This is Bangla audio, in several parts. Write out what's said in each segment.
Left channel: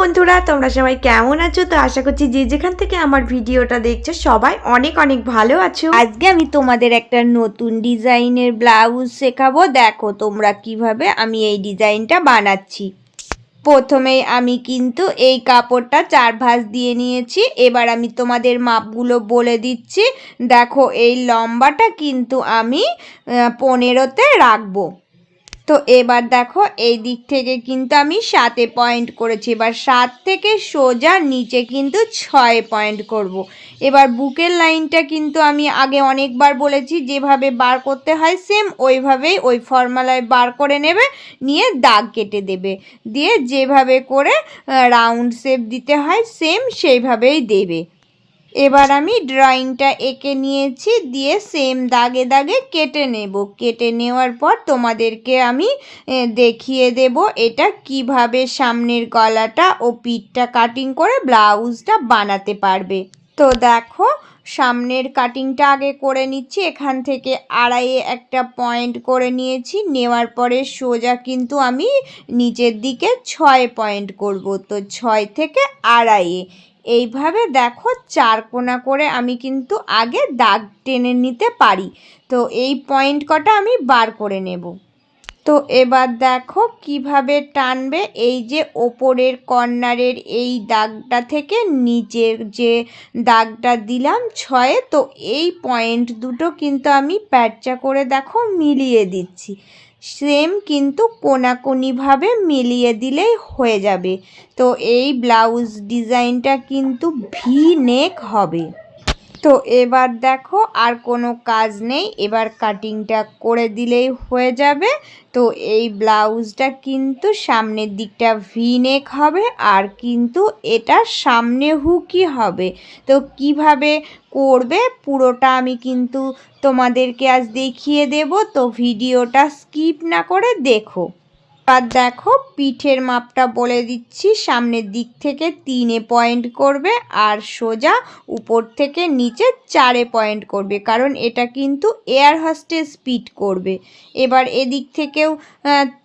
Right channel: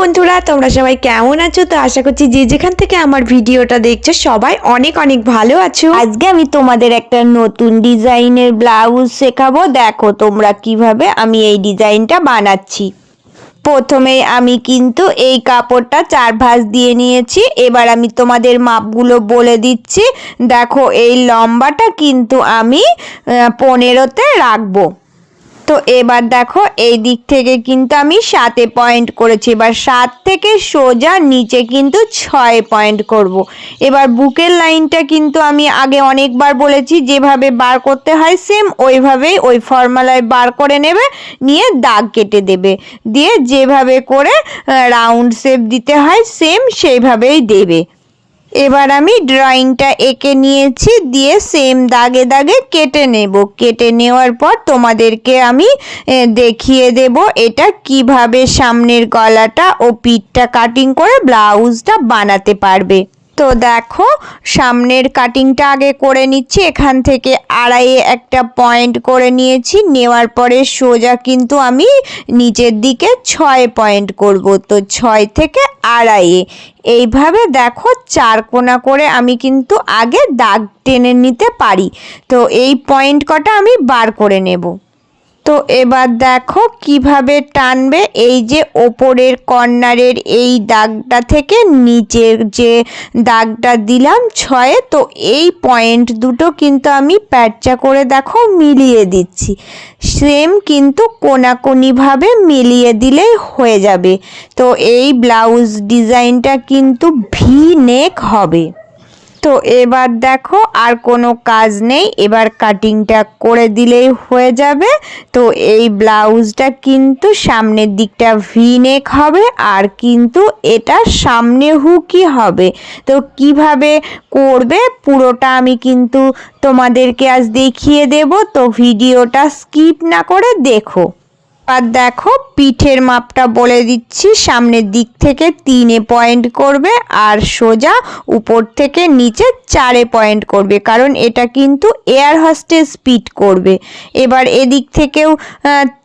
বন্ধুরা, তোমরা সবাই কেমন আছো? তো আশা করছি যে যেখান থেকে আমার ভিডিওটা দেখছো সবাই অনেক অনেক ভালো আছো। আজকে আমি তোমাদের একটা নতুন ডিজাইনের ব্লাউজ শেখাবো। দেখো তোমরা কিভাবে আমি এই ডিজাইনটা বানাচ্ছি। প্রথমেই আমি কিন্তু এই কাপড়টা 4 ভাঁজ দিয়ে নিয়েছি। এবার আমি তোমাদের মাপগুলো বলে দিচ্ছি। দেখো এই লম্বাটা কিন্তু আমি 15তে রাখবো। তো এবার দেখো এই দিক থেকে কিন্তু আমি 7 পয়েন্ট করেছি। এবার 7 থেকে সোজা নিচে কিন্তু 6 পয়েন্ট করব। এবার বুকের লাইনটা কিন্তু আমি আগে অনেকবার বলেছি, যেভাবে বার করতে হয় সেম ওইভাবেই ওই ফর্মুলায় বার করে নেবে, নিয়ে দাগ কেটে দেবে, দিয়ে যেভাবে করে রাউন্ড শেপ দিতে হয় সেম সেইভাবেই দেবে। এবার আমি ড্রয়িংটা এঁকে নিয়েছি, দিয়ে সেম দাগে দাগে কেটে নেব। কেটে নেওয়ার পর তোমাদেরকে আমি দেখিয়ে দেব এটা কিভাবে সামনের গলাটা ও পিঠটা কাটিং করে ব্লাউজটা বানাতে পারবে। তো দেখো সামনের কাটিংটা আগে করে নিচ্ছি। এখান থেকে আড়াইয়ে একটা পয়েন্ট করে নিয়েছি। নেওয়ার পরে সোজা কিন্তু আমি নিচের দিকে 6 পয়েন্ট করব। তো 6 থেকে আড়াইয়ে এইভাবে দেখো 4 কোণা করে আমি কিন্তু আগে দাগ টেনে নিতে পারি। তো এই পয়েন্ট কটা আমি বার করে নেব। তো এবার দেখো কিভাবে টানবে। এই যে ওপরের কর্নারের এই দাগটা থেকে নিচের যে দাগটা দিলাম 6-এ, তো এই পয়েন্ট দুটো কিন্তু আমি প্যাঁচা করে দেখো মিলিয়ে দিচ্ছি। সেম কিন্তু কোণাকুনিভাবে মিলিয়ে দিলেই হয়ে যাবে। তো এই ব্লাউজ ডিজাইনটা কিন্তু ভি নেক হবে। তো এবার দেখো আর কোনো কাজ নেই, এবার কাটিংটা করে দিলেই হয়ে যাবে। তো এই ব্লাউজটা কিন্তু সামনের দিকটা ভি নেক হবে, আর কিন্তু এটা সামনে হুকই হবে। তো কিভাবে করবে পুরোটা আমি কিন্তু তোমাদেরকে আজ দেখিয়ে দেব। তো ভিডিওটা স্কিপ না করে দেখো। আর দেখো পিঠের মাপটা বলে দিচ্ছি। সামনের দিক থেকে 3 পয়েন্ট করবে, আর সোজা উপর থেকে নিচে 4 পয়েন্ট করবে, কারণ এটা কিন্তু এয়ার হোস্টেস পিঠ করবে। এবার এদিক থেকেও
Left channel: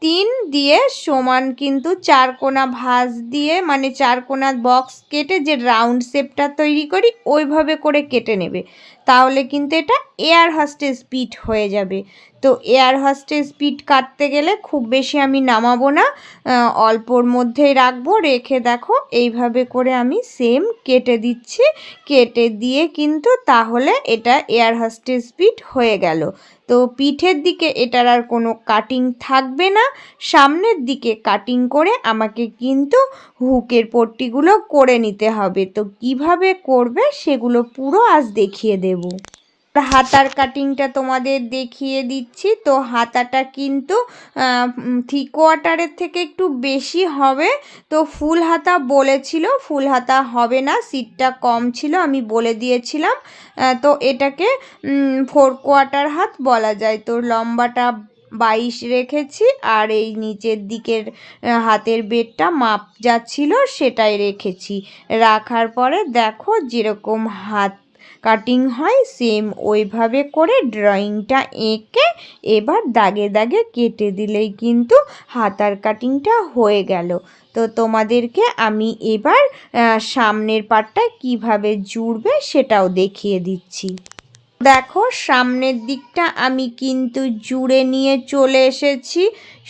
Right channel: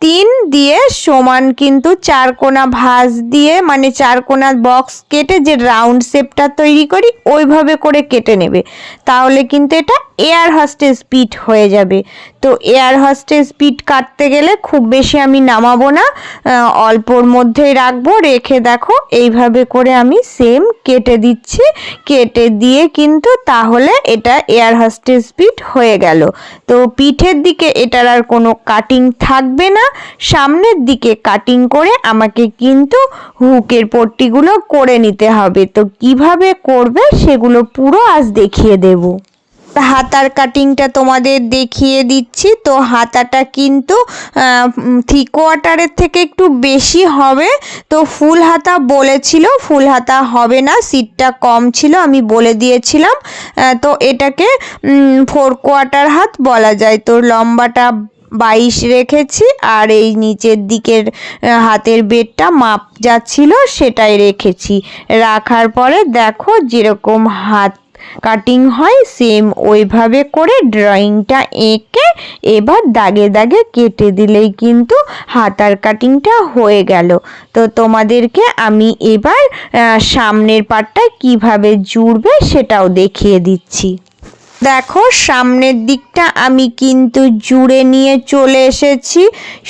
3 দিয়ে সমান কিন্তু 4 কোণা ভাঁজ দিয়ে, মানে 4 কোণা বক্স কেটে যে রাউন্ড শেপটা তৈরি করি ওইভাবে করে কেটে নেবে, তাহলে কিন্তু এটা এয়ার হোস্টেস পিঠ হয়ে যাবে। তো এয়ার হোস্টেস পিঠ কাটতে গেলে খুব বেশি আমি নামাবো না, অল্পর মধ্যেই রাখবো। রেখে দেখো এইভাবে করে আমি সেম কেটে দিচ্ছি। কেটে দিয়ে কিন্তু তাহলে এটা এয়ার হোস্টেস পিঠ হয়ে গেল। তো পিঠের দিকে এটার আর কোনো কাটিং থাকবে না। সামনের দিকে কাটিং করে আমাকে কিন্তু হুকের পট্টিগুলো করে নিতে হবে। তো কিভাবে করবে সেগুলো পুরো আজ দেখিয়ে দেব। হাতার কাটিংটা তোমাদের দেখিয়ে দিচ্ছি। তো হাতাটা কিন্তু 3/4 থেকে একটু বেশি হবে। তো ফুল হাতা বলেছিল, ফুল হাতা হবে না, সিটটা কম ছিল, আমি বলে দিয়েছিলাম। তো এটাকে 4/4 হাত বলা যায়। তো লম্বাটা 22 রেখেছি, আর এই নিচের দিকের হাতের বেডটা মাপ যা ছিল সেটাই রেখেছি। রাখার পরে দেখো যেরকম হাত কাটিং হয় সেম ওইভাবে করে ড্রয়িংটা এঁকে এবার দাগে দাগে কেটে দিলেই কিন্তু হাতার কাটিংটা হয়ে গেল। তো তোমাদেরকে আমি এবার সামনের পাটটা কিভাবে জুড়বে সেটাও দেখিয়ে দিচ্ছি। দেখো সামনের দিকটা আমি কিন্তু জুড়ে নিয়ে চলে এসেছি।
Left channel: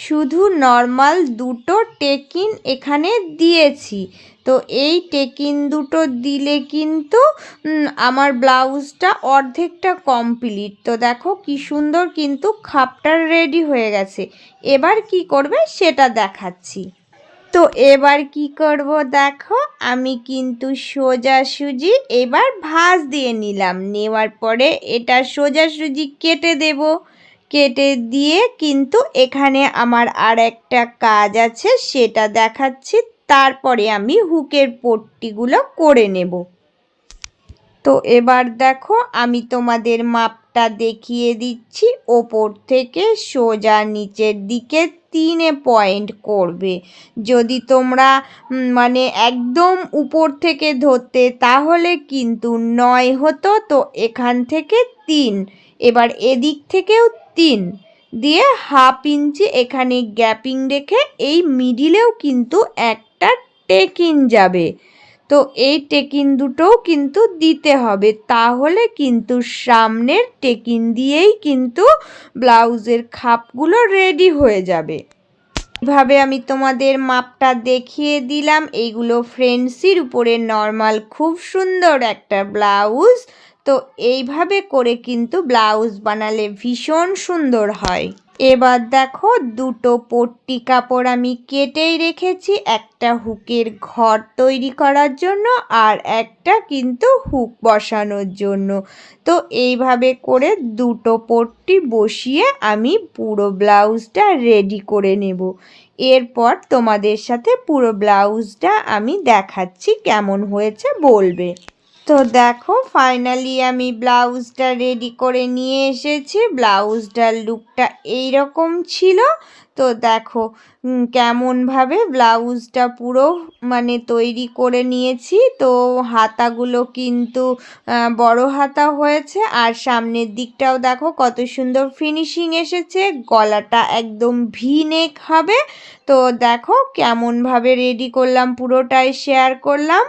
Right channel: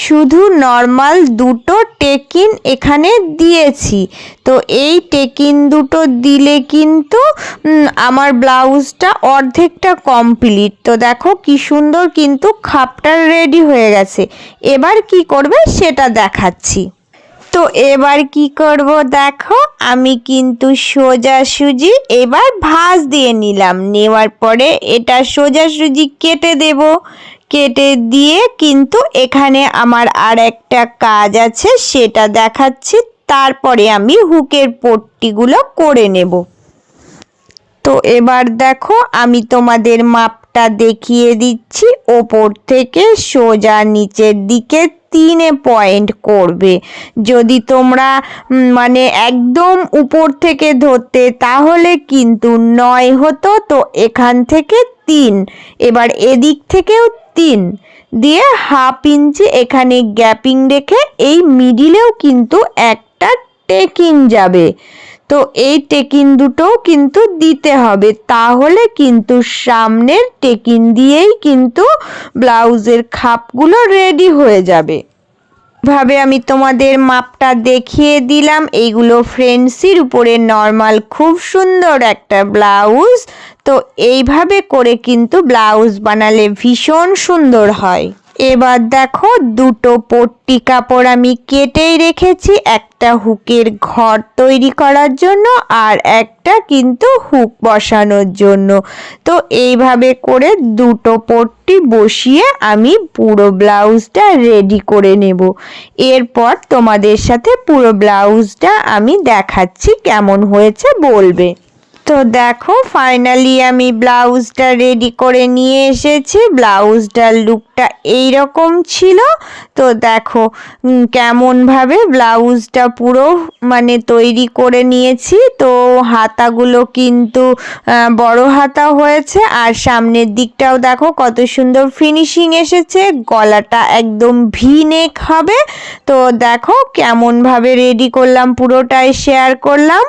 শুধু নর্মাল দুটো টেকিন এখানে দিয়েছি। তো এই টেকিন দুটো দিলে কিন্তু আমার ব্লাউজটা অর্ধেকটা কমপ্লিট। তো দেখো কি সুন্দর কিন্তু খাপটা রেডি হয়ে গেছে। এবার কি করবে সেটা দেখাচ্ছি। তো এবার কি করব দেখো, আমি কিন্তু সোজাসুজি এবার ভাঁজ দিয়ে নিলাম। নেওয়ার পরে এটা সোজাসুজি কেটে দেব। কেটে দিয়ে কিন্তু এখানে আমার আর একটা কাজ আছে সেটা দেখাচ্ছি, তারপরে আমি হুকের পট্টিগুলো করে নেব। তো এবার দেখো আমি তোমাদের মাপটা দেখিয়ে দিচ্ছি। ওপর থেকে সোজা নিচের দিকে 3 পয়েন্ট করবে। যদি তোমরা মানে একদম উপর থেকে ধরতে তাহলে কিন্তু 9 হতো। তো এখান থেকে 3, এবার এদিক থেকেও 3 দিয়ে 1/2 ইঞ্চি এখানে গ্যাপিং রেখে এই মিডিলেও কিন্তু একটা টেকিং যাবে। তো এই টেকিন দুটোও কিন্তু দিতে হবে, তাহলে কিন্তু সামনের টেকিন দিয়েই কিন্তু ব্লাউজের খাপগুলো রেডি হয়ে যাবে। ভাবে আমি তোমাদের মাপটা দেখিয়ে দিলাম। এইগুলো ফ্রেন্সির উপরে নর্মাল খুব সুন্দর একটা ব্লাউজ। তো এইভাবে করে কিন্তু ব্লাউজ বানালে ভীষণ সুন্দর হয়। এবার দেখো দুটো পট্টি কাপড় আমি কেটেই রেখেছি, একটা হুকের ঘর তৈরি করার জন্য আর একটা কিন্তু হুক বসানোর জন্য। তো এইভাবে করে দুটো পট্টি বসিয়ে আমি পুরো ব্লাউজটা রেডি করে নেব। এরপর তোমাদের সাথে পুরো ব্লাউজটা আমি দেখাচ্ছি কেমন হয়েছে বলবে। তো দেখো ফাইনালি আমি ব্লাউজটা রেডি করে নিয়ে এসেছি। ব্লাউজটার লুকটা এইরকম ছিল। তো দেখো কেমনভাবে ব্লাউজটা পুরো তৈরি করে নিয়েছি। তো হাতাগুলো কিন্তু বড় হাতা হয়েছে, আর সামনের দিকটাও দেখো কত সুন্দর ফিনিশিং এসেছে। গলাটা একদম ভি নেক হবে। তো দেখো কেমনভাবে রেডি করলাম পুরোটাই শেয়ার করলাম,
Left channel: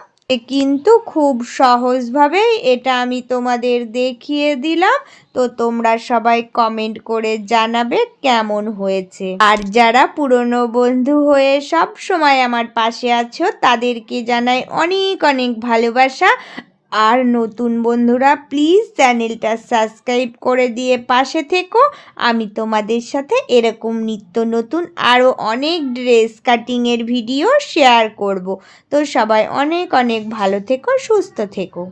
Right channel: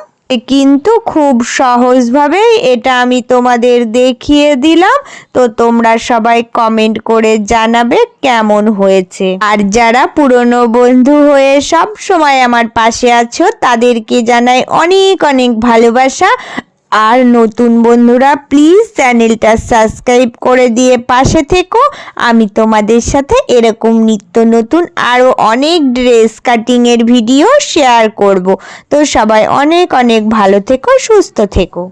কিন্তু খুব সহজভাবেই এটা আমি তোমাদের দেখিয়ে দিলাম। তো তোমরা সবাই কমেন্ট করে জানাবে কেমন হয়েছে। আর যারা পুরনো বন্ধু হয়ে সব সময় আমার পাশে আছো তাদেরকে জানাই অনেক অনেক ভালোবাসা। আর নতুন বন্ধুরা প্লিজ চ্যানেলটা সাবস্ক্রাইব করে দিয়ে পাশে থেকো। আমি তোমাদের সাথে এরকম নিত্য নতুন আরও অনেক ড্রেস কাটিংয়ের ভিডিও শেয়ার করব। তো সবাই অনেক অনেক ভালো থেকো, সুস্থ থেকো।